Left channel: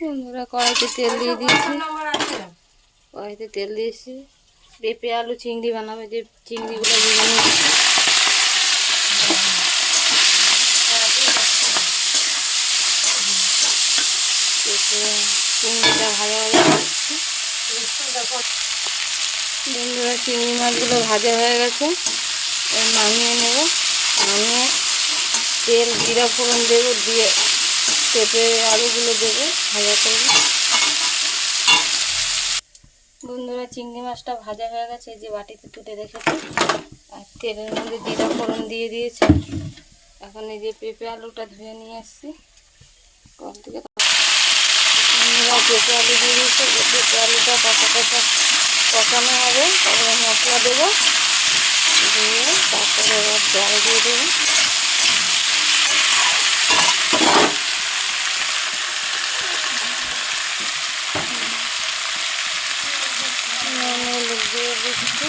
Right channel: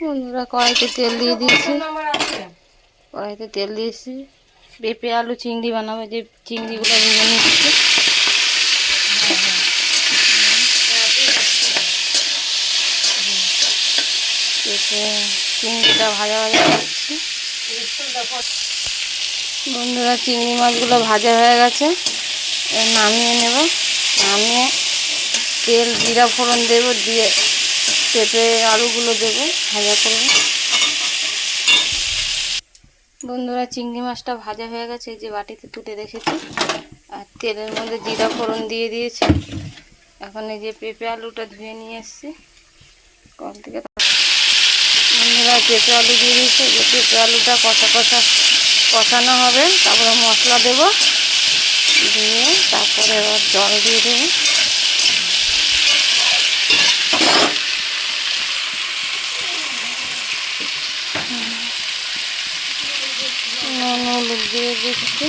বন্ধুরা কড়াইতে তেল দিয়ে দিয়েছি, কড়াইতে তেল দিয়েছি। পেঁপে আলু চিংড়ি বানাবো, যে চিংড়িগুলো ভেজে নিচ্ছি। পেঁপে চিংড়িটা ভাজা ভাজা করছি। বন্ধুরা চিংড়ি মাছগুলো ভাজা হয়ে গেছে, নামিয়ে নেব। নামিয়ে তেল জিরা ফোড়ন দেবো, দিয়ে পেঁপে আলুগুলো দেবো, ভাজা করব। বন্ধুরা চিংড়ি মাছটা ভাজা হয়ে গেছে, যে বাটিতে তুলে রেখেছি। আর তেলের মধ্যে জিরা ফোড়ন দিয়ে দিয়েছি। এখন এই যে পেঁপে আলুটা ধুয়ে নিয়ে এসেছি কল থেকে। বন্ধুরা পেঁপে আলু দিয়ে দিয়েছি, যে পেঁপে আলুটা কষানো হবে। তারপরে মশলা দেবো, দিয়ে তারপরে এবার জল দিয়ে দেবো। নুন হলুদ দিয়ে দিচ্ছি।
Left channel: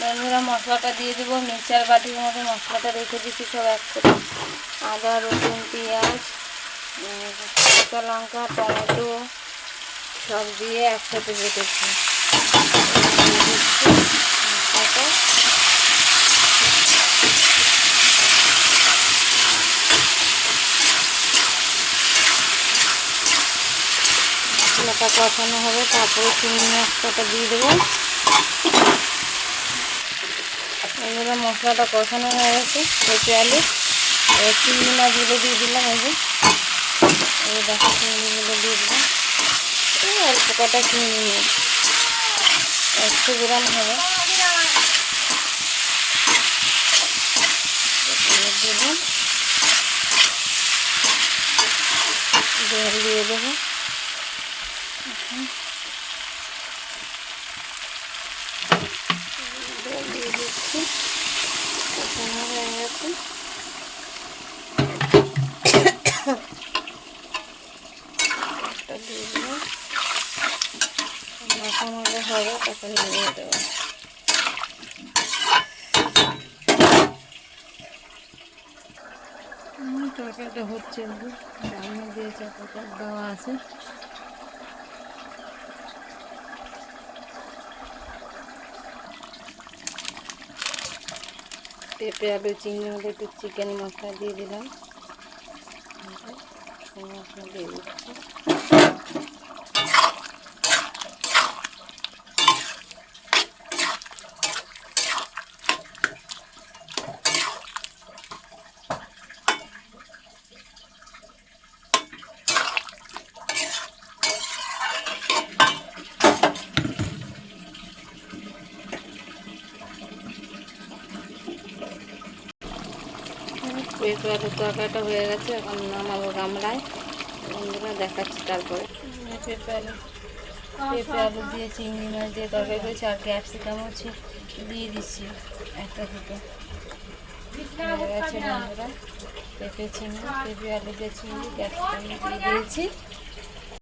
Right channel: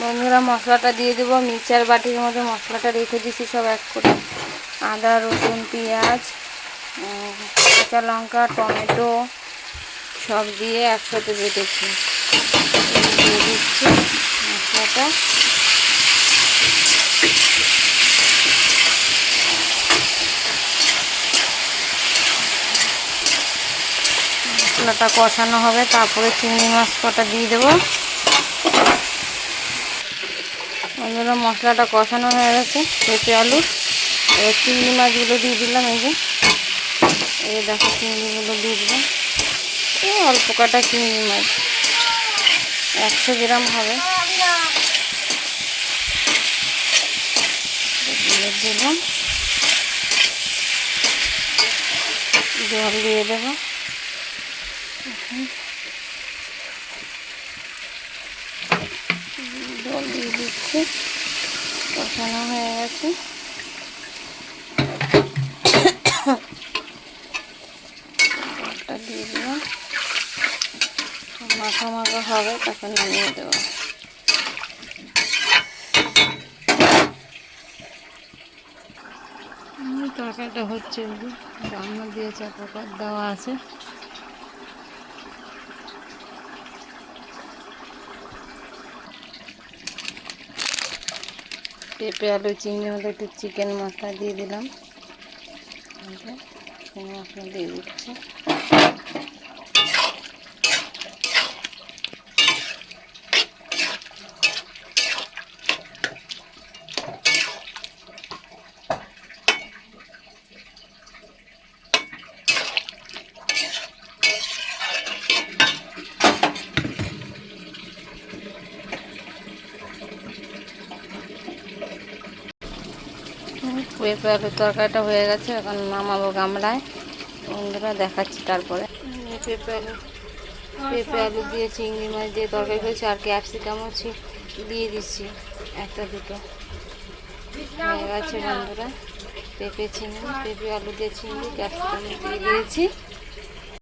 বন্ধুরা মশলাটা দিয়ে দেবো। মিক্সচার বাটির মধ্যে মশলাটা রেখে দিচ্ছি সব এক করে। আদা রসুন পেঁয়াজ কাঁচা লঙ্কা টমেটো সব দিয়ে একসাথে বেটেছি। দিয়ে দিচ্ছি মশলাটা। মশলাটা কষানো হবে, তারপরে চিংড়ি মাছ কটা দিয়ে দেবো। বন্ধুরা মশলাটা কষানো হয়ে গেছে, পেঁপে আলু এবার চিংড়ি মাছগুলো দিয়ে দিলাম। এই দেখো চিংড়িগুলো দিয়ে দিলাম। এই অল্প কাটা চিংড়ি মাছ 100 গ্রাম হবে। দিলাম, জল দিয়ে দেবো। জল দিয়ে দিচ্ছি, কষানো হয়ে গেছে। দিয়ে দিলাম, মাখা মাখা হবে, তখন নিয়ে দেবো। তরকারিটা হচ্ছে, রান্না দিয়ে চাপাটা দেওয়া আছে। পেঁপে আলু চিংড়ি মধ্যে একটু চিকেন মশলা দিয়ে দিলাম। চিকেন মশলা দিয়ে দিচ্ছি। পেঁপে আলুর তরকারিটা হয়ে গেছে, এখন নামাবো গামলায়। বন্ধুরা দেখাচ্ছি তারপরে। পেঁপে আলু দিয়ে চিংড়ি মাছ দিয়ে তরকারি করেছি, আর ক্যাপসিকাম হচ্ছে দিয়ে দিচ্ছি একটা দুটো। হয়ে গেছে বন্ধুরা পেঁপে আলু দিয়ে চিংড়ি ক্যাপসিকাম দিয়ে দিয়েছি।